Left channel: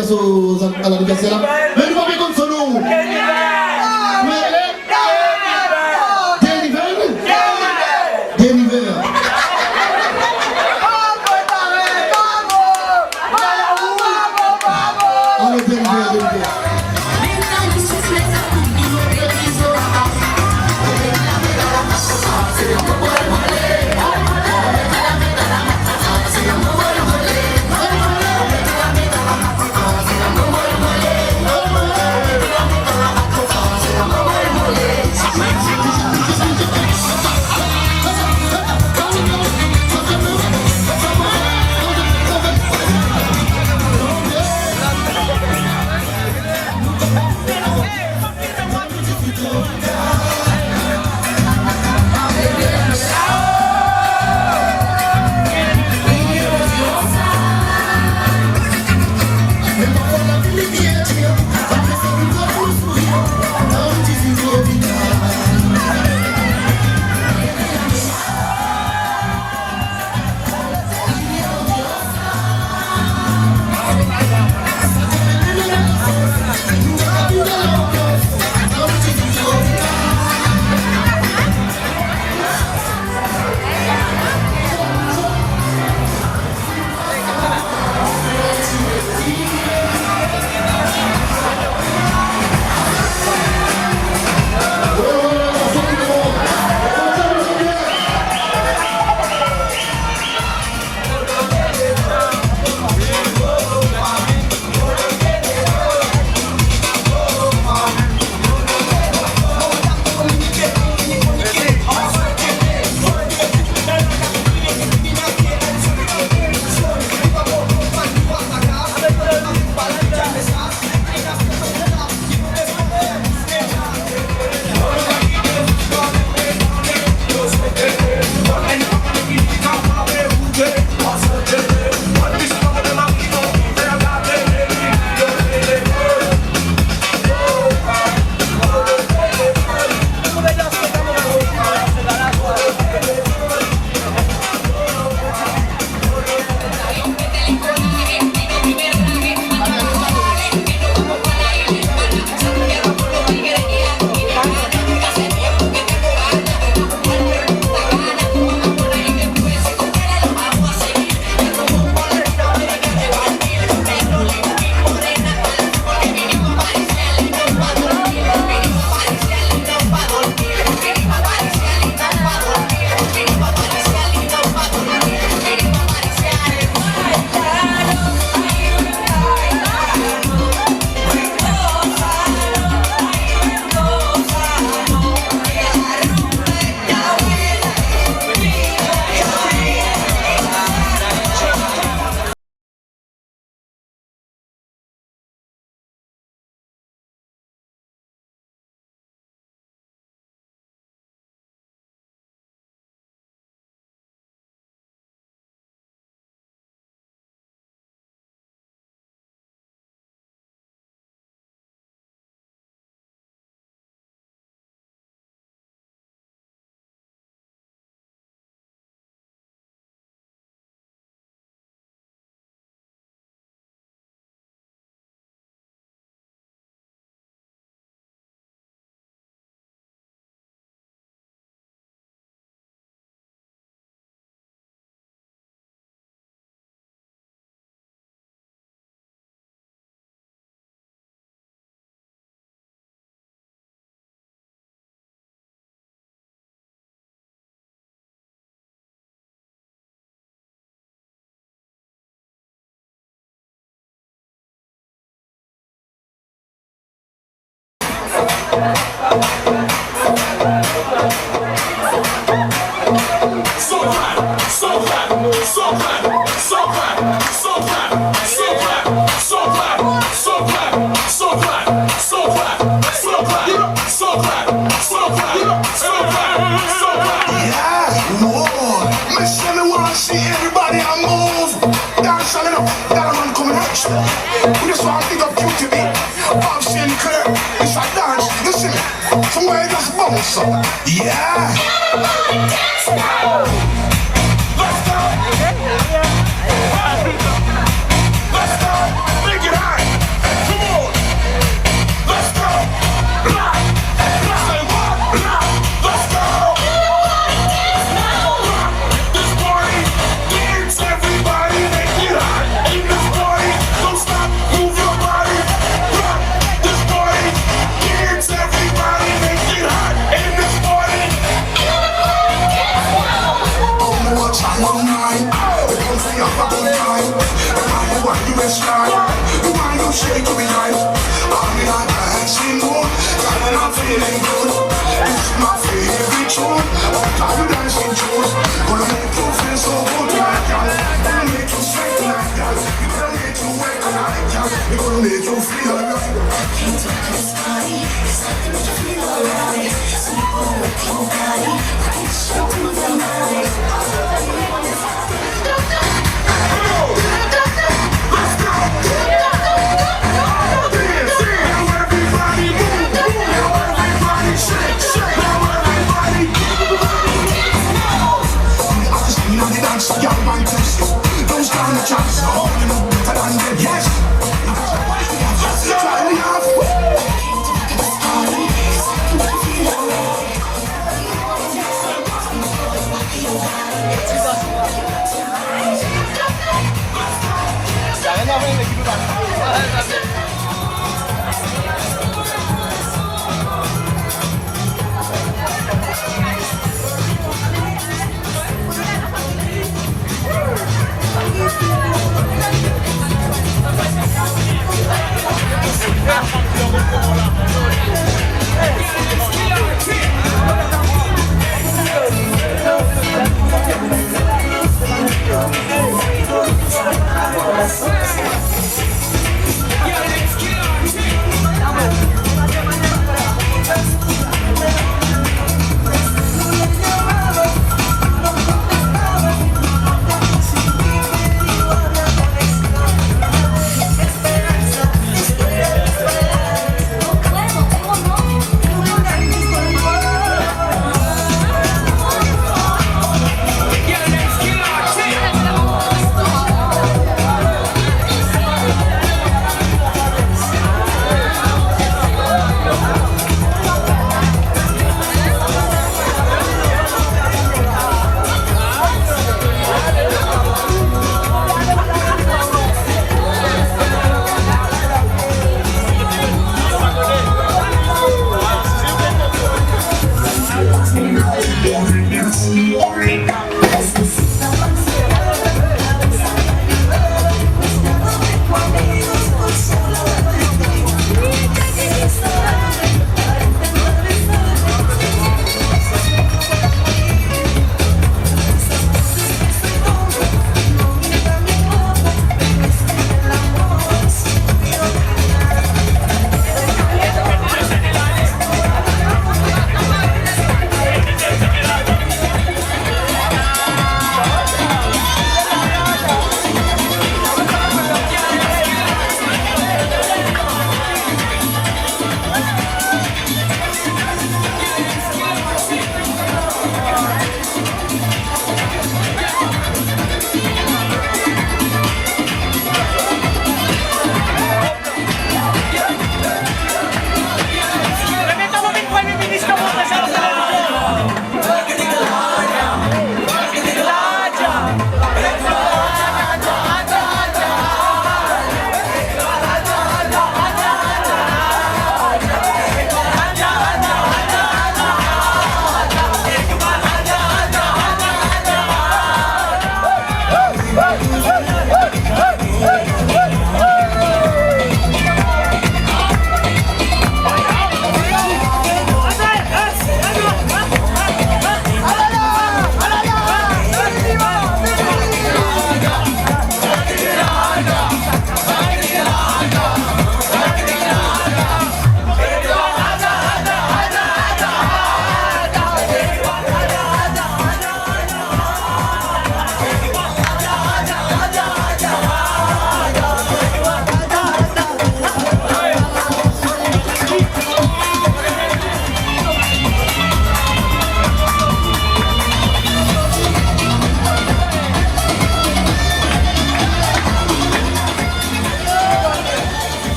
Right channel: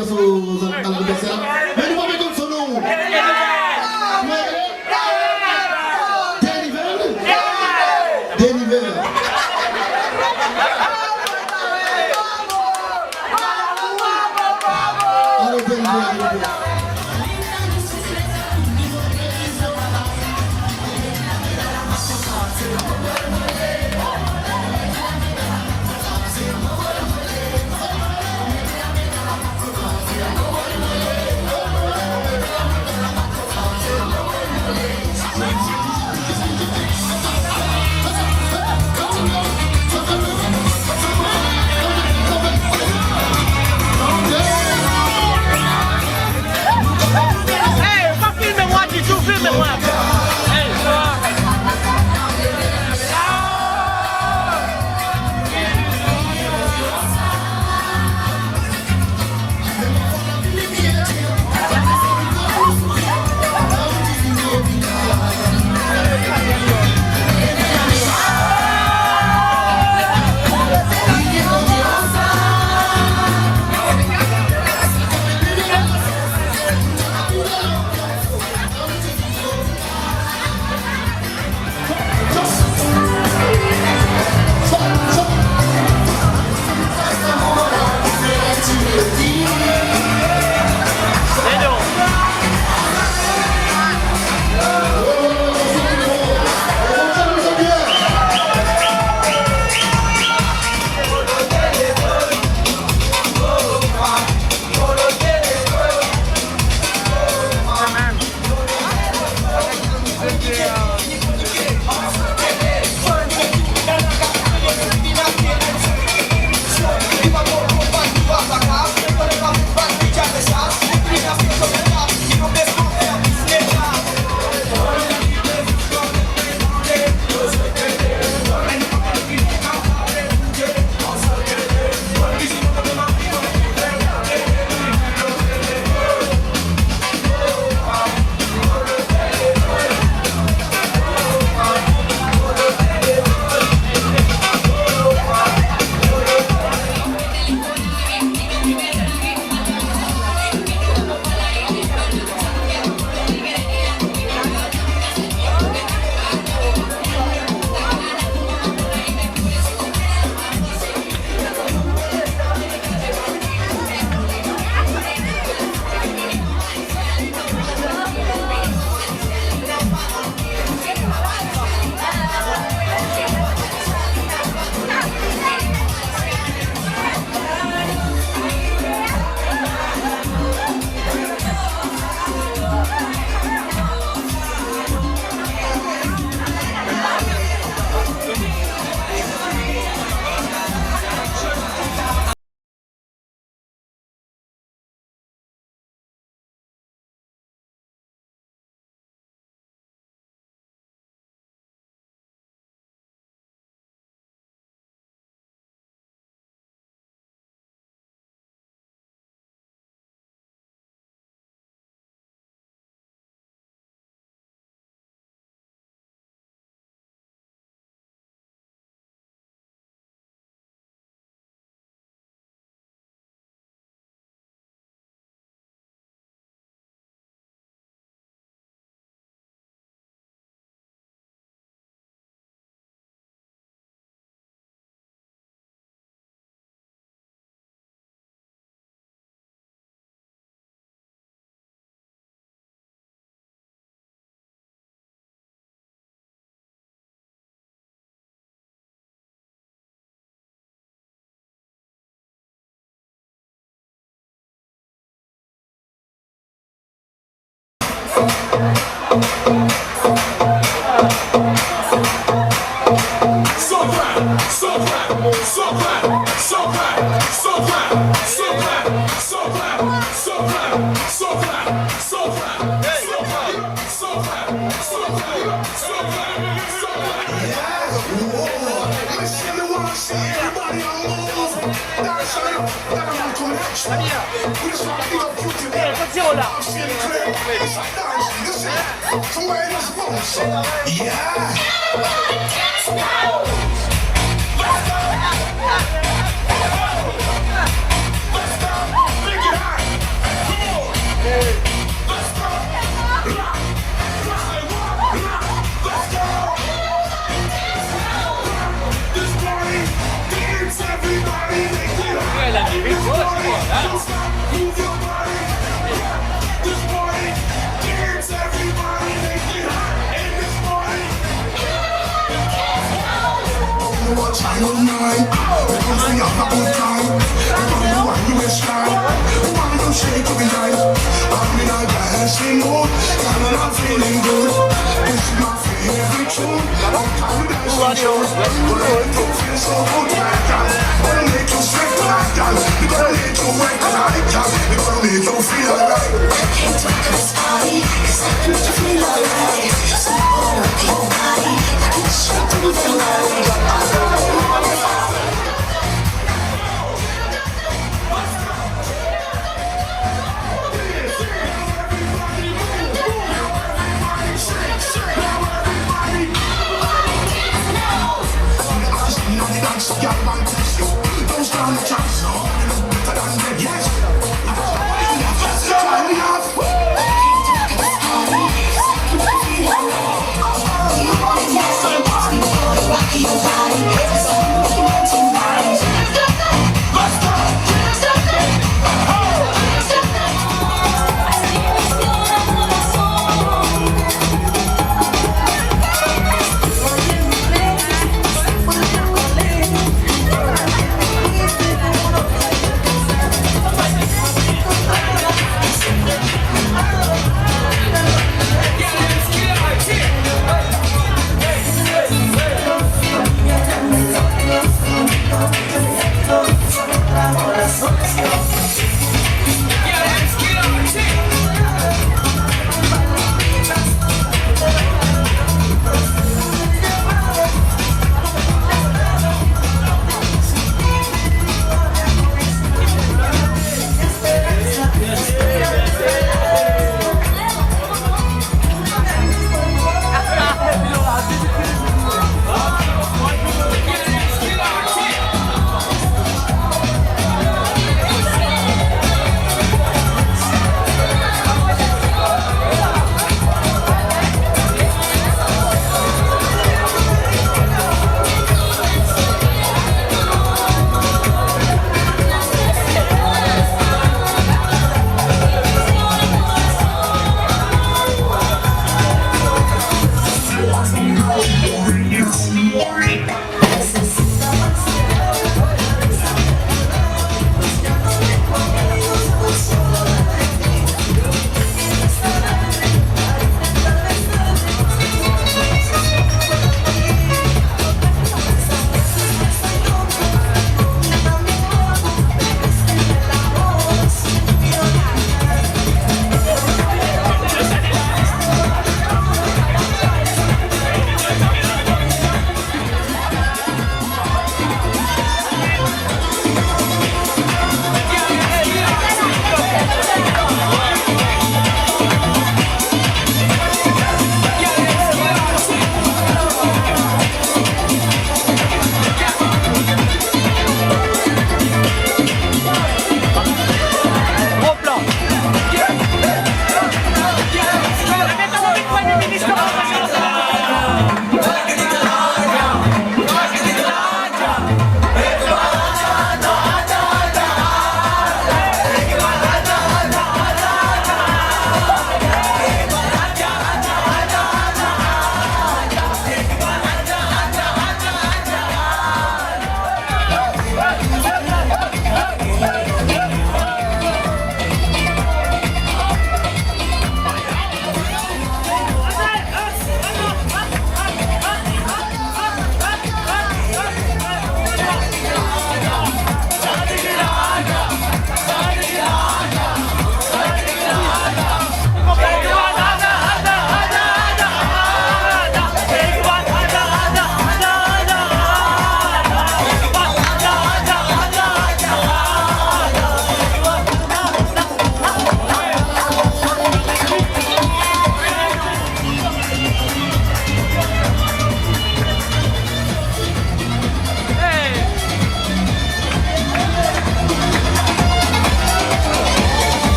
Olimpia alla Ricasera. Vengo proprio con solo Yeah! Let's go! Bring it high! way to be nice. I'm in a dancing mood, and I'm feeling good. This is my favorite tune. I'm tired of dancing shows. Gonna make you feel so good tonight, girl. Gonna make you sweat tonight, girl. Gonna make you work tonight, girl. Gonna make you feel alright. Came to this party, 'cause I can make you feel alright. So you wanna rock your body, I can show you the night. Y'all want to show those kind of chops, oh, you know better than them, yes. Try me out.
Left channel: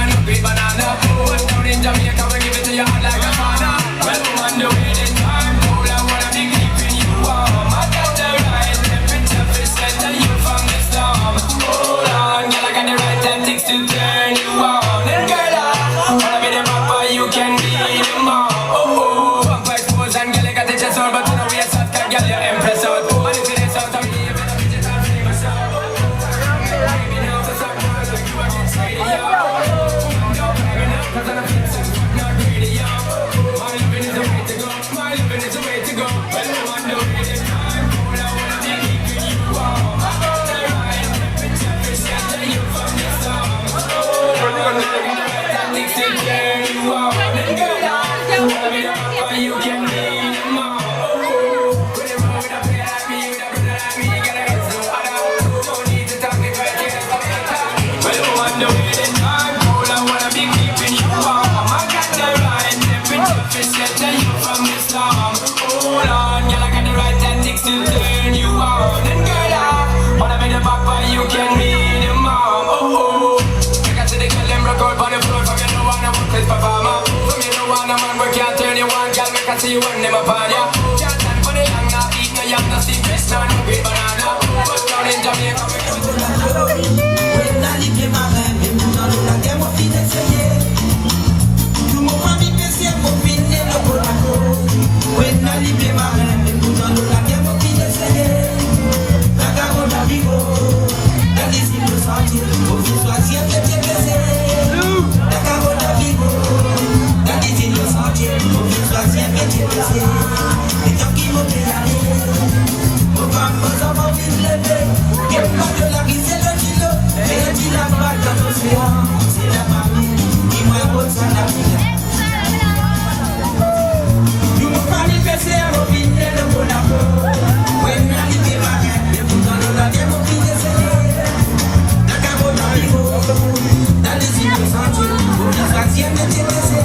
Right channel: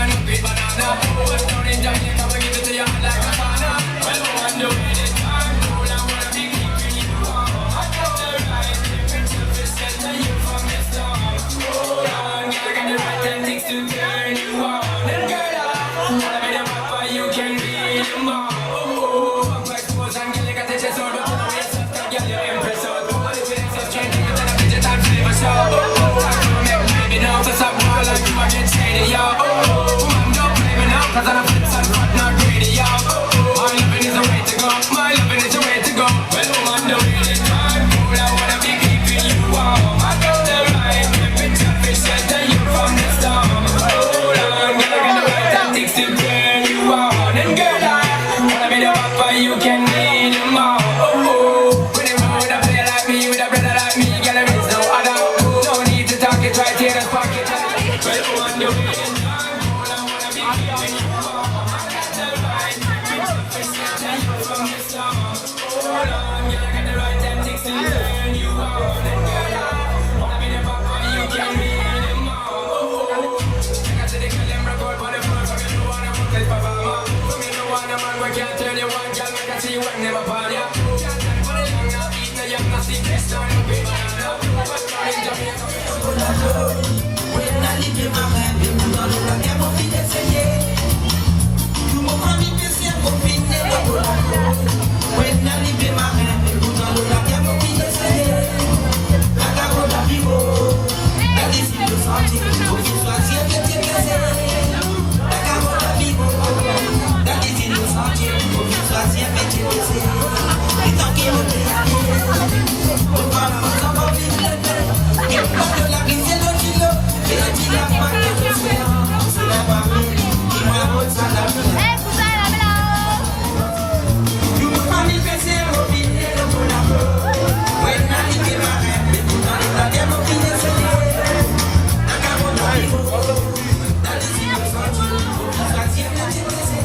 and great banana. But down in Jamaica, we give it to you hot like a sauna. Well, woman, the way this time cold, I wanna be keeping you warm. I got the right temperature to set you from the storm. Hold on, girl, I got the right tactics to turn you on. And girl, I wanna be the papa, you can be the mom. Oh, pump like pose and girl, I got the chest out, but you know we are soft, girl, you're impressed out. And if it is soft, I'll give it a midget and flavor show. Baby, now to stop more like you, I get shady, yo. Don't play me now, cause I'm a flip side, but not greedy, yo. My loving is the way to go, my loving is the way to go. Well, woman, the way this time cold, I wanna be keeping you warm. I got the right temperature to shelter you from the storm. Hold on, girl, I got the right tactics to turn you on. And girl, I wanna be the papa, you can be the mom. When you roll with a player like me, with a brother like me, girl, there is no other. No need to talk it right here, just talk it out. Well, woman, the way this time cold, I wanna be keeping you warm. I got the right temperature to shelter you from the storm. Hold on, girl, I got the right tactics to turn you on. And girl, I wanna be the papa, you can be the mom. I got to the girl, them rock out on the floor. From you know I'm a worthless performer. From you know I'm a man where can't turn you on. Girl, make I see you when them upon ya. Can't stand for the long, now eat no yam, no see best, no great banana. But down in Jamaica, When I live in my rêve, et nous dans le lac, et mon fils essayé. Tout mon ami pensait mon fils n'est le bon accord. When I live in my rêve, et nous dans le lac, et mon fils essayé. La carotte à vivo, la décide de sentir, au fils choisir que tu es blessé. La carotte à vivo, la décide de sentir, au fils choisir que tu es blessé. Et tant qu'il me plaît aller, aux femmes, aux enfants, vite lever. Qu'il pas de la vie, c'est le kilo. Et tu l'as pas dans l'océan, c'est la famille qui me rôde ça la vie. Tout mon famille fait ses robines et le bon amour. When I live in my rêve, mais vous dans le lac, et mon fils essayé. La carotte à vivo, la décide de sentir, au fils choisir que tu es blessé.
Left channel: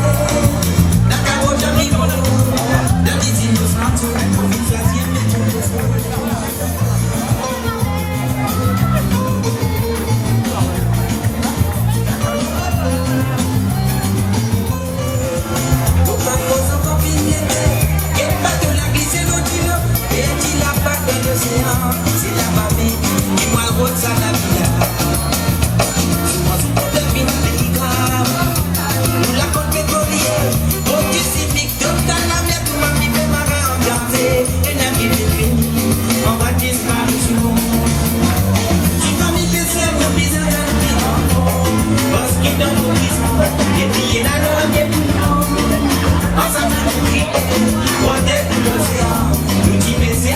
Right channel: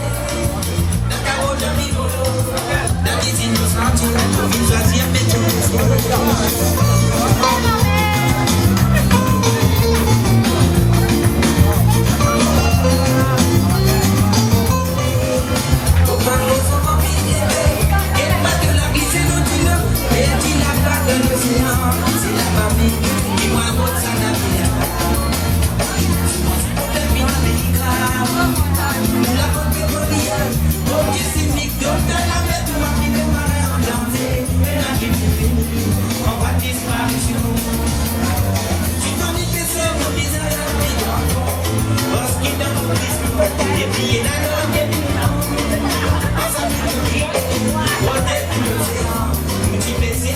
La carotte à vivo, la décide de sentir, au fils choisir que tu es blessé. C'est la mamie qui m'a rôde ça la vie. Souvent c'est pour deviner les graves. Nous la côte pétrolière, au petit cynique, docteur la vie, tout m'a mis mes marins ambiantés. Et la vie est finie, on va disparition. Tu t'en dis que c'est mon bizarre à l'horizon. Parce qu'il donne l'horizon, et puis il a l'homme et puis non. Ensemble, nous qui, on est tout l'océan. Nous qui mais c'est